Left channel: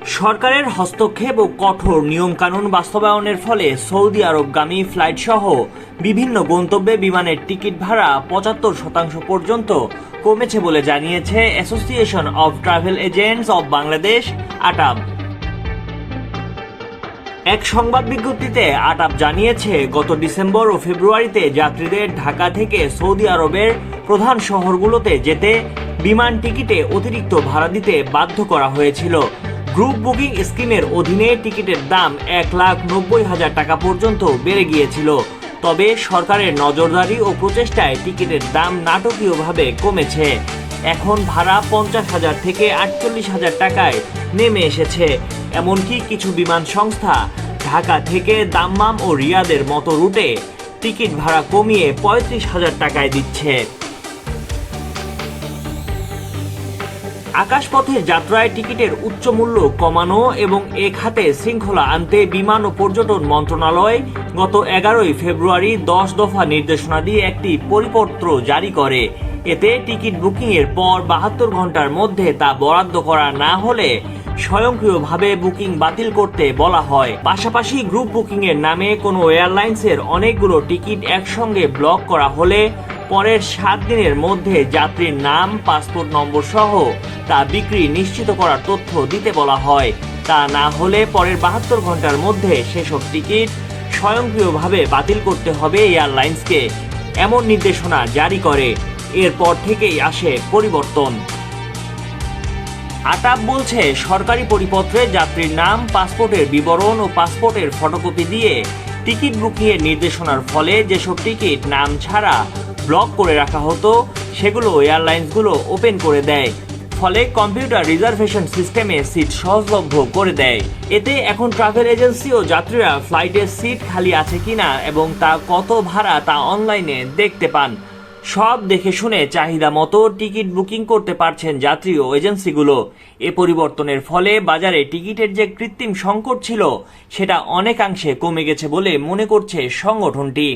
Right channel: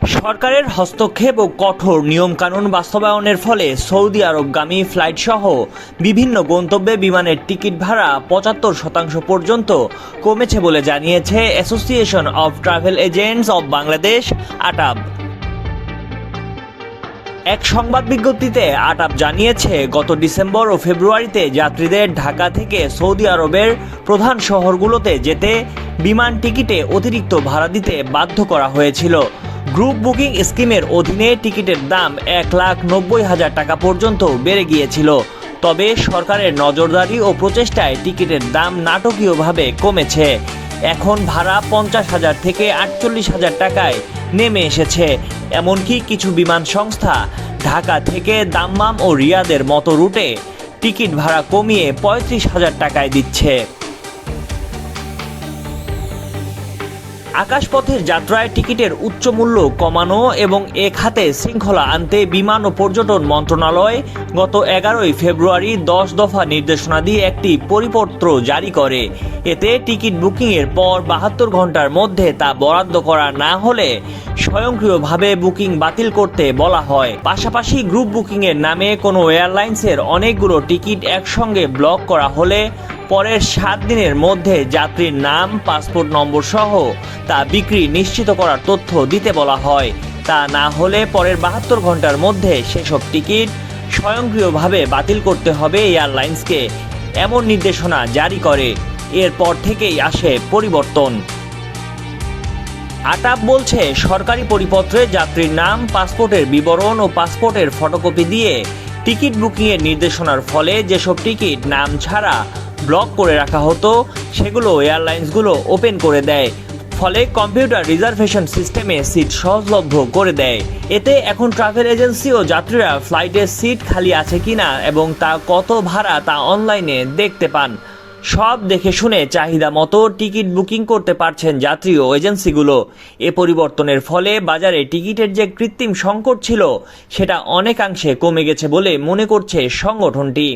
সরকারের হস্তক্ষেপ ও কঠোর নিয়মকানুন বাস্তবায়নের ফলে সৌদি আরবগামী ফ্লাইট সহ বিভিন্ন গন্তব্যে বিমানের টিকিট ভাড়া ৭৫% পর্যন্ত কমেছে বলে জানিয়েছে association of travel agents of Bangladesh ATAB. এক সংবাদ বিজ্ঞপ্তিতে আটাব জানিয়েছে, গত ডিসেম্বর ও ফেব্রুয়ারিতে যাত্রীদের ঢাকা থেকে সৌদি আরবের প্রধান শহরগুলোতে যেতে বিমান টিকিটে অতিরিক্ত ভাড়া দিতে বাধ্য করা হয়েছিল। গ্রুপ বুকিং স্কিমের অধীনে টিকিটের দাম ১,৯০,০০০ টাকা পর্যন্ত বেড়ে গিয়েছিল। তবে সরকারের নজরদারি ও প্রচেষ্টায় টিকিটের দাম নাটকীয়ভাবে কমেছে। এখন ভাড়া ৫০,০০০ থেকে ৪৮,০০০ টাকায় নেমে এসেছে। এমনকি কিছু বিমান সংস্থা ঢাকা থেকে দাম্মাম ও রিয়াদের মতো রুটে টিকিট ভাড়া কমিয়ে ৩৫,০০০ টাকায় দিচ্ছে। আকাশপথের যাত্রায় টিকিটের উচ্চ মূল্য কমানো এবং এ খাতে শৃঙ্খলা আনতে বিমান ও পর্যটন মন্ত্রণালয় গত ১১ ফেব্রুয়ারি ১০ দফা নির্দেশনা দিয়ে একটি পরিপত্র জারি করে। এতে টিকিট বুকিংয়ের পর ৭২ ঘন্টার মধ্যে তা বরাদ্দ করা না হলে স্বয়ংক্রিয়ভাবে বুকিং বাতিল করতে বলা হয়। পাশাপাশি গ্রুপ বুকিংয়ের নামে কোনো এয়ারলাইন্সের অনেকগুলো টিকিট একসঙ্গে ব্লক করা হলে পরের ৭ দিনের মধ্যে যাত্রীর নাম, পাসপোর্ট নম্বর সহ তা বিক্রি নিশ্চিত করার তথ্য দিতে বলা হয়। তা না হলে পরের ৭২ ঘন্টার মধ্যে সেসব টিকিট স্বয়ংক্রিয়ভাবে বাতিল করতে হবে এয়ারলাইন্সকে, এমন নির্দেশনা জারি করে। এরপর থেকেই আসে পরিবর্তন। আটাব বলছে, সরকারি পরিপত্রে যাত্রীর নাম, পাসপোর্টের বিবরণ ও পাসপোর্টের ফটোকপি দিয়ে টিকিট বুকিংয়ের নির্দেশনার ফলে যেসব টিকিট নাম ছাড়া ব্লক করে রাখা হতো সেগুলো এয়ারলাইন্সগুলো ওপেন করে দেয়। ফলে কম্পিউটার রিজার্ভেশন সিস্টেমে সিট সহজলভ্য করে দেয়। এতে এখন ট্রাভেল এজেন্সি ও যাত্রীরা ফ্লাইটের সিট খালি আছে কিনা এবং তা কত ভাড়া তা অনলাইনে দেখতে পান। সব দেখে শুনে চাহিদা মতো টিকিট বুকিং করতে পারছেন যাত্রী ও এজেন্সিগুলো। এ পরিবর্তনের ফলে বাজারে টিকিটের যে কৃত্রিম সংকট ছিল সেটা অনেকাংশে কমে গেছে বলে মনে করছে সংগঠনটি।